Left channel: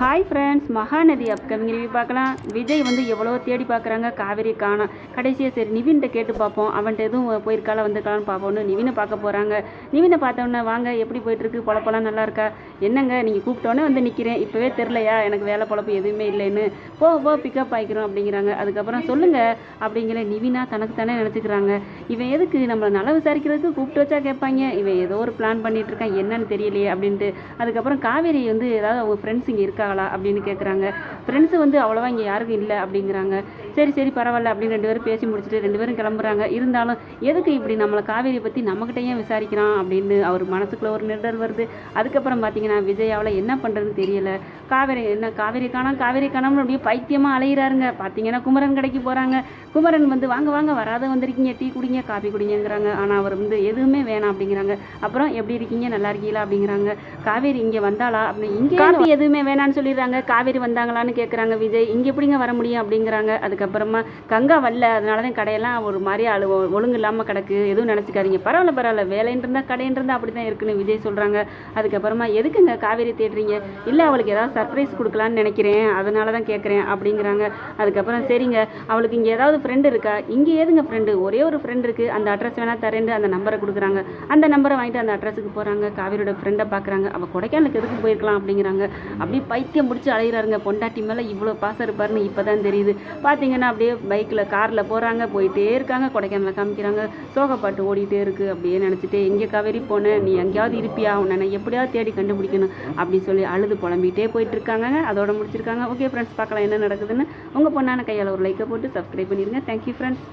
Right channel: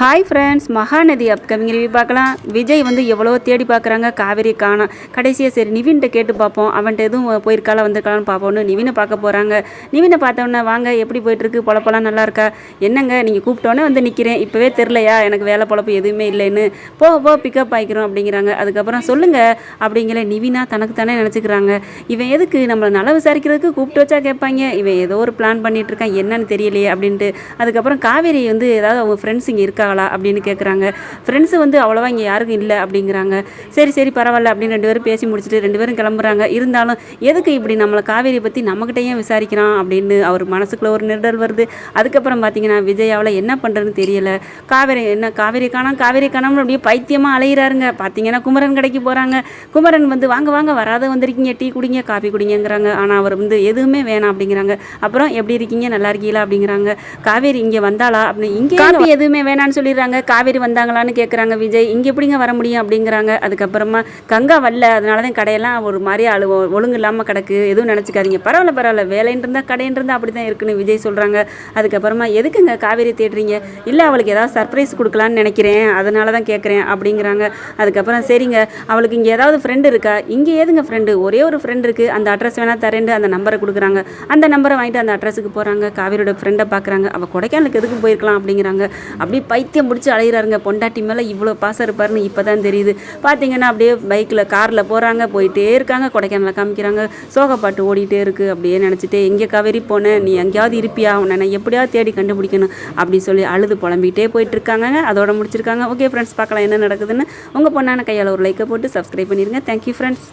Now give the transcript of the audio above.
Hi friends Mahanadhi upcoming review பார்க்கலாம். விஜய் வந்து எவ்வளோ தேடி பார்க்குறாங்க. காவேரி காணும் கடைசியாக சரி நிவின்கிட்ட கேட்டு பார்ப்போம். அவன்கிட்ட எதுவும் போயிருக்காளா வந்திருக்காளான்னு பார்ப்போம்னு நிவினை பார்க்க போகிறாங்க நிவினை பார்த்தோன்னே வாங்க எப்படி போயிட்டுருக்கு? பொழப்பெல்லாம் நல்லா இருக்கா? என்னங்க நீங்கள் கூப்பிட்டோன்னே வந்து நிற்கிறேன் இப்போவே தெரிலையா எனக்கு வேலை பொழப்பு எதுவுமே இல்லைன்னு. போ போ பிக்கப் ஆகிக்கிறோம் அப்படிங்கிறாங்க. அதுக்கப்புறம் சொல்லுங்கள் அப்படிங்கிற நிவினா தனக்கு தானே நினச்சிக்கிறாங்க. இவன் எதுக்கு நம்மளை நல்லா விசாரிக்கிறதுக்கு கூப்பிட்டு வச்சா கேட்பாங்க. இவன் ஏதோ ஒரு பிளான் பண்ணிகிட்ருக்கான் என்னன்னு தெரியலையே அப்படின்ட்டு. அதுக்கப்புறம் காவேரி வந்து ஏதாவது அவங்க ஃப்ரெண்ட்ஸ் இங்கே இருக்கா? இருக்காங்களா அப்படின்னு கேட்குறாங்க ஃப்ரெண்ட்ஸு வந்து அவ்வளோவா இங்கே யாருக்கும் இல்லை அப்படிங்கிறாங்க. சரி சரி பரவாயில்ல அப்படின்னு ரெண்டு பேரும் பேசி முடிச்சுட்டு ரெண்டு பேரும் கிளம்புறாங்க. இருந்தாலும் எதுக்கு இப்படி நம்மளை காவேரியை பற்றி நம்மக்கிட்டே விசாரிக்கிறான் அப்படின்னு அவர் மனசுக்குள்ள ஒரு நெருடல் வருது. அதுக்கப்புறம் பார்த்தீங்கன்னா விஜய் அவளை என்ன பண்ணுறதுன்னு தெரியல. காவேரி என்ன காவேரி காணோம் காவேரி காணோம்னு அப்படியே பைத்தியமாக அலையிறாருங்க. பார்த்தீங்கன்னா குமரன் கடைக்கு போகிறாங்க குமரன் வந்து வாங்க வாங்க வராத வந்திருக்கீங்க டீ குடிங்க காபி குடிங்கங்கிறாங்க. ஆனால் அவர் வந்து எதுவுமே வேணாம் அப்படிங்கிறாங்க. அப்புறம் எப்படி இருக்கீங்க? நல்லா இருக்கீங்களா? அப்படிங்கிறாங்க. காவேரி இங்கே வந்தாளா? அப்படின்னு இங்கே எதுவுமே வேணான்னு சொல்லிடுறாங்க. காவேரி வந்தாங்களான்னு கேட்குறாங்க விஜய். இங்கே எப்படிங்க வர முடியும் அப்படிங்கிறாங்க. அதுக்கப்புறமா கங்கா வரல. அதனால தான் கடையெல்லாம் ஒரு மாதிரி அழு ஒழுங்கு இல்லாமல் கிடக்கு. எதுவும் நினச்சிக்காதீங்க. பரவாயில்ல பரவாயில்ல. வேலைன்னு இருந்தால் கடைன்னு இருந்தால் அப்படி தான் இருக்குன்னு விஜய் சொல்கிறாங்க அதுக்கப்புறமா எதுக்குங்க காவேரி தேடுறீங்க? இல்லை அவளுக்கு ஏதாவது சர்ப்ரைஸ் கொடுக்கலான்னு நினைக்கிறேன். அதனால தான் கேட்குறேன் அப்படிங்கிறாங்க. அதுக்கப்புறம் சரிங்க. அவளுக்கு இங்கே ஏதாவது ஃப்ரெண்டு இருக்கா? இங்கே ஏதுங்க ஃப்ரெண்டு ஒரே ஒரு ஃப்ரெண்ட் இருக்குது அந்த அட்ரஸ் வேணால் தரேன்ட்டு அந்த நம்பரை கொடுக்குறாங்க. அந்த நம்பரை வாங்கிட்டு அந்த அட்ரஸுக்கு போகிறாங்க காவேரியோட ஃப்ரெண்டை பார்க்குறாங்க அவள் கொடைக்கானலுக்கு எதுக்கு போயிருக்கலாம் அப்படிங்கிறாங்க. அப்படி பைத்தியம் பிடிச்சி அலைகிறாருங்க பொண்டாட்டி மேலே இவ்வளோ பாசம் இருப்பாருன்னு இப்போ தான் தெரியுது. பார்த்தீங்கன்னா அப்படியே பைக்கில் காரில் போகிறாங்க போயிட்டே இருக்காங்க கொடைக்கானலில் காமிக்கிறாங்க. சோகப்பாட்டு ஓடிட்டே இருக்குது அப்படியே நினச்சிட்டு எங்கே காவேரி போனேன் நீ எங்கேயாவது இருப்பியா? உன்னை நான் எப்படியாவது தேடி கண்டுபிடிக்கணும் அப்படி சொல்லி அழுது புலம்பிகிட்டே போயிட்டு இருக்காங்க அதோட முடிச்சிருக்காங்க. ஓகே ஃப்ரெண்ட்ஸ் பார்க்கலாம் என்ன நடக்குதுன்னு. உங்கள் பொண்ணான கையால் ஒரு லைக்கை போட்டு சப்ஸ்கிரைப் பண்ணிடுங்க தேங்க்யூ ஃப்ரெண்ட்ஸ்